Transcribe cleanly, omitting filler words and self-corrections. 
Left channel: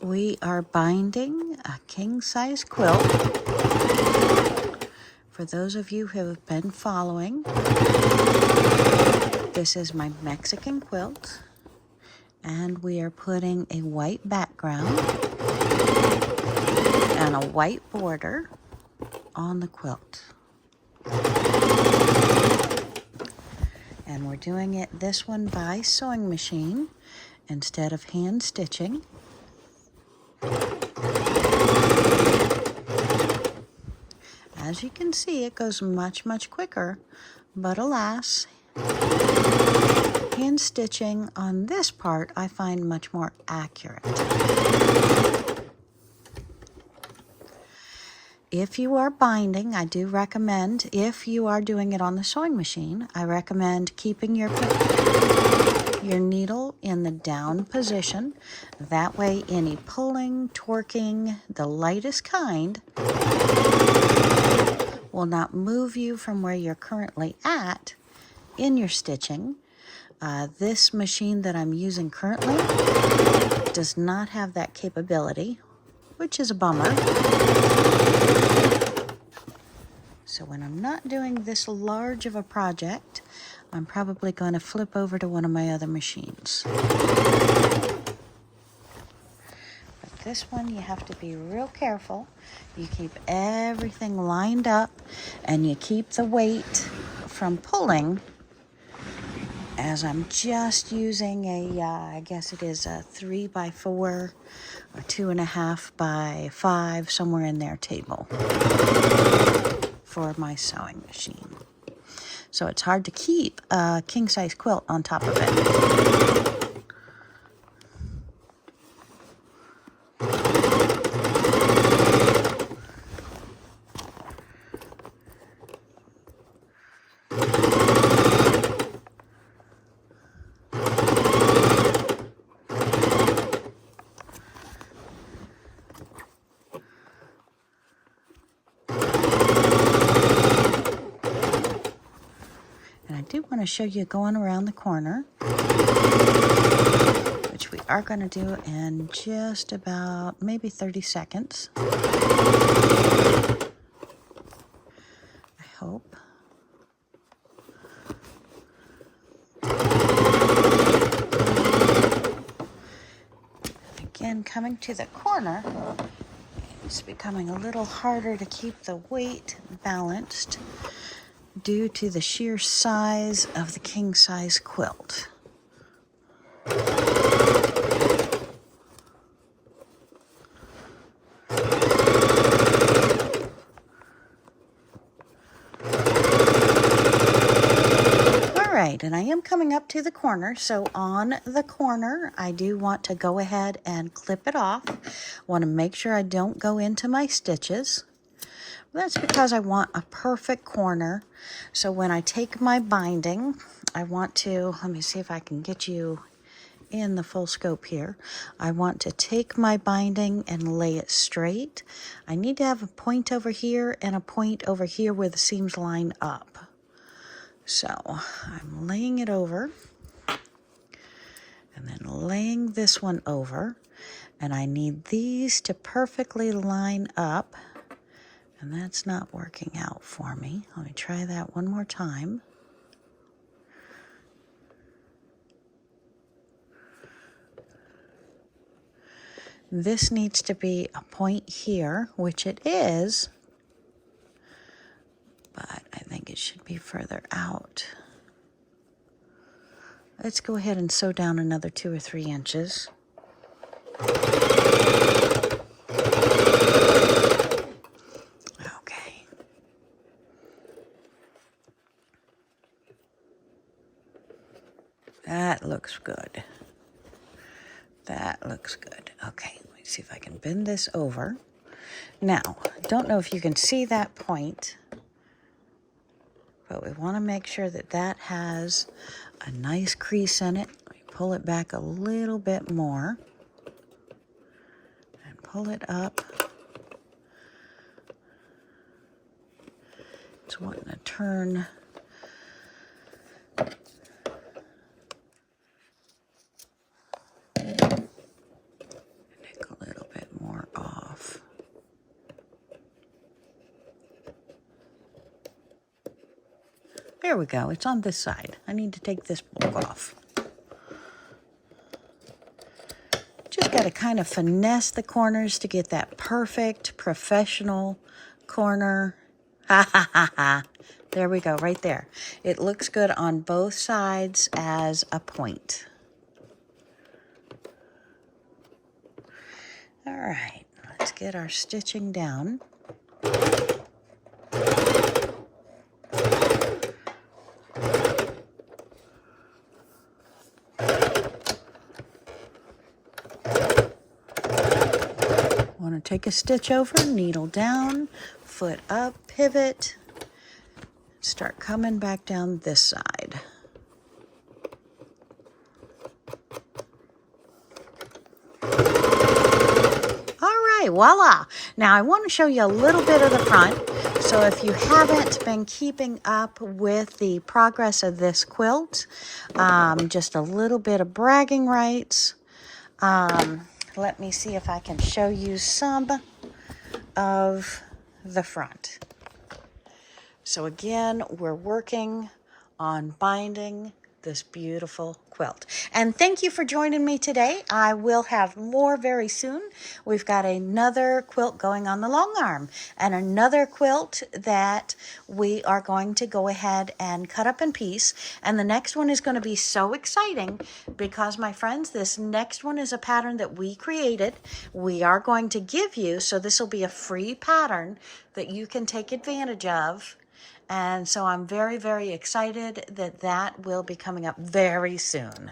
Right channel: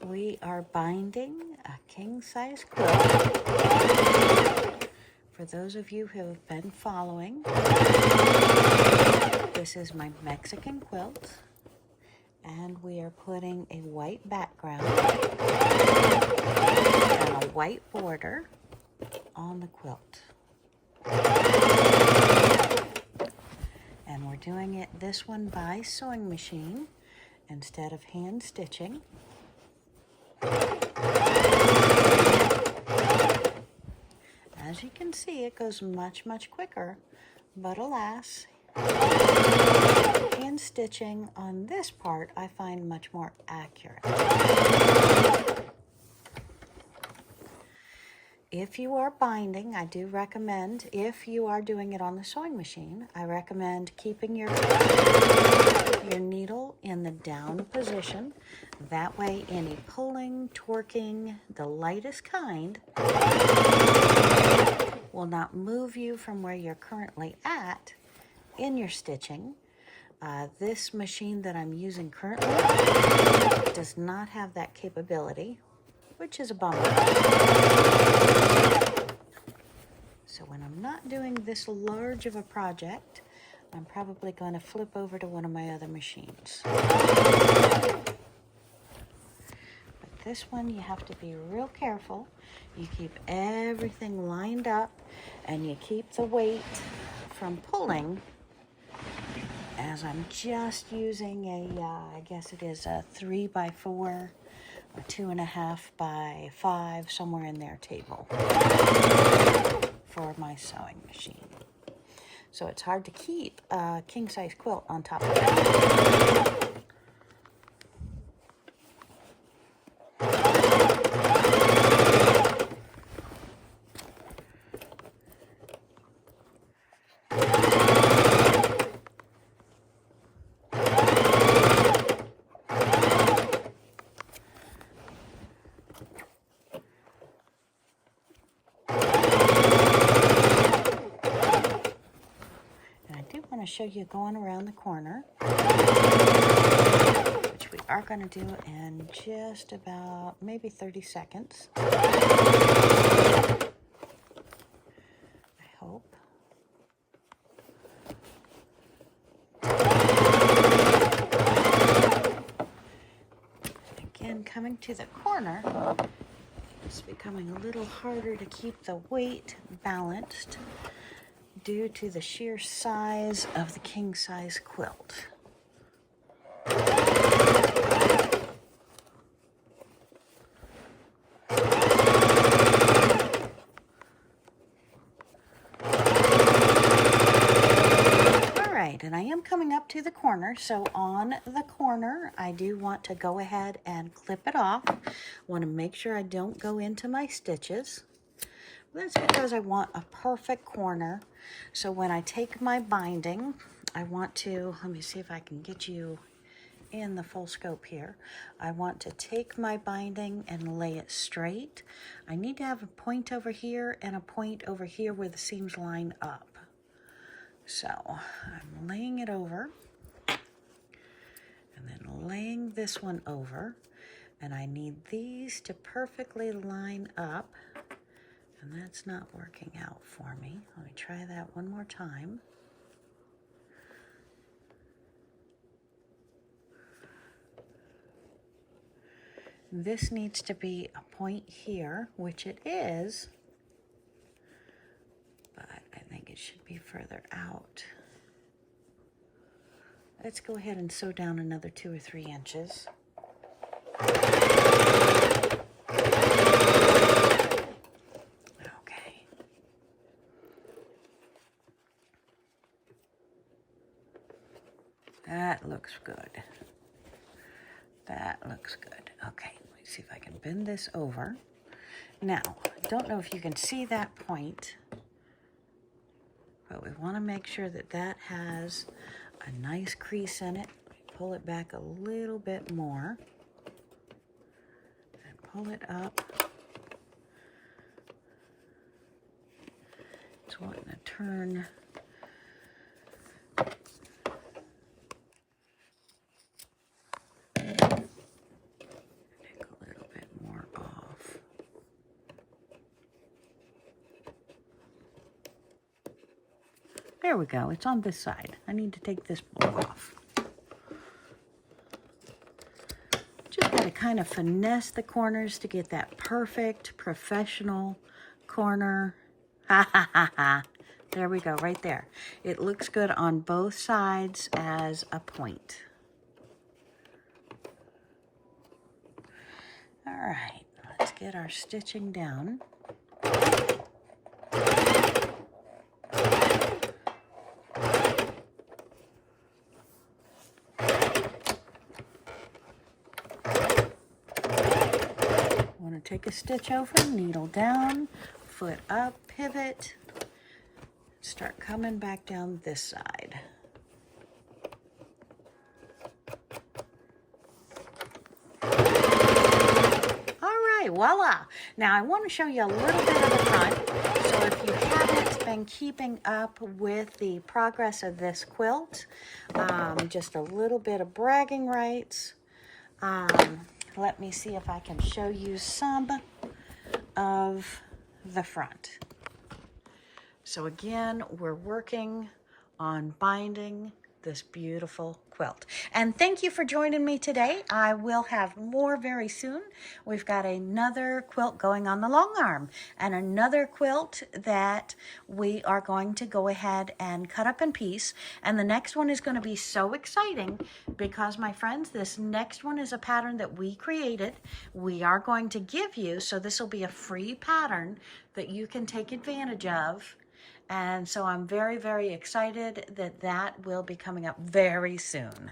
We are binding a king-size quilt. For those of you who have been following, this is my Mexican quilt, and we are putting a white background and a white border on the quilt. And we're doing it this one by sewing machine instead of hand stitching. As you can see, it goes much, much quicker, but alas, hand stitching on this part I find much more accurate. If you are binding, I do recommend, if you are doing it on the sewing machine, I recommend keeping your needle in the down position. That way any pulling, torquing, the lightest kind, will not move you from where you're currently at in your stitching. This machine that I'm using currently does not have that capability, which is a bummer. So when I'm not doing this large of a project, I'm probably going to flip over to one of my other machines. But this one, you have to be real careful. You keep everything lined up, and you keep the weight from pulling, as I'm just using a, I guess it is a 3x4 or 2.5x5, somewhere in there table for my sewing machine. So it's hard to keep a king-size quilt on top of it. I do want to show you going around the corner, which we are going to do in just about maybe 30 seconds. I hope. Again, coming to the corner, it's becoming a little harder to keep the weight balanced due to the sheer size of the king-size quilt. Alright, and I am coming up to the corner, so on the corner I do want to go ahead and clip it off. Want to make sure I don't go into my stitches. That's because I want a perfect corner. So when I take my binding, I want to, let me see if I can get you in the full scope here. I want to take my binding and lay it straight. I need to have a point over here and a point over here where the seams line up. So I'm laying it over and then laying this one over, and I need these to perfectly line up. And that's not working out for me. Let me try that one more time. This needs to be a point here, which it is, but I think it should be further out. Let's go ahead and sew down another 2 or 3 inches. That looks good. That looks good. Okay, let me see if I can bend this over. Now, don't know if you can see that point, but we want to make sure that that has a nice crease in it. Let me pull it back a little bit more and pull it up. It's wanting to turn There we go. It's on this side. I need to take this book off. Just got to kind of finesse the corners to get that perfect professional corner. Ha ha ha ha. There we go, right there. It looks good on both sides as a point. All right, let's get our stitching down. Want to take a stitch over, needle down, foot up, pivot, start coming back down this side. All right, voila. Now I want to show you a little bit of the front. So if you haven't been keeping up with the progress of this quilt, just a little bit of bragging rights. Let me see if I can show you some of the front. So again, we're working on binding this beautiful quilt. And thank you for joining me today. I will have more very soon. We've got another quilt going on the long arm and another quilt that we are going to go ahead and cut up in piece. And the next one is going to be so exciting because, my friends, this next one is a pattern that we created. We are going to give you, so this will be a free pattern that you can take advantage of. And so I'm very, very excited that that will be coming up very soon.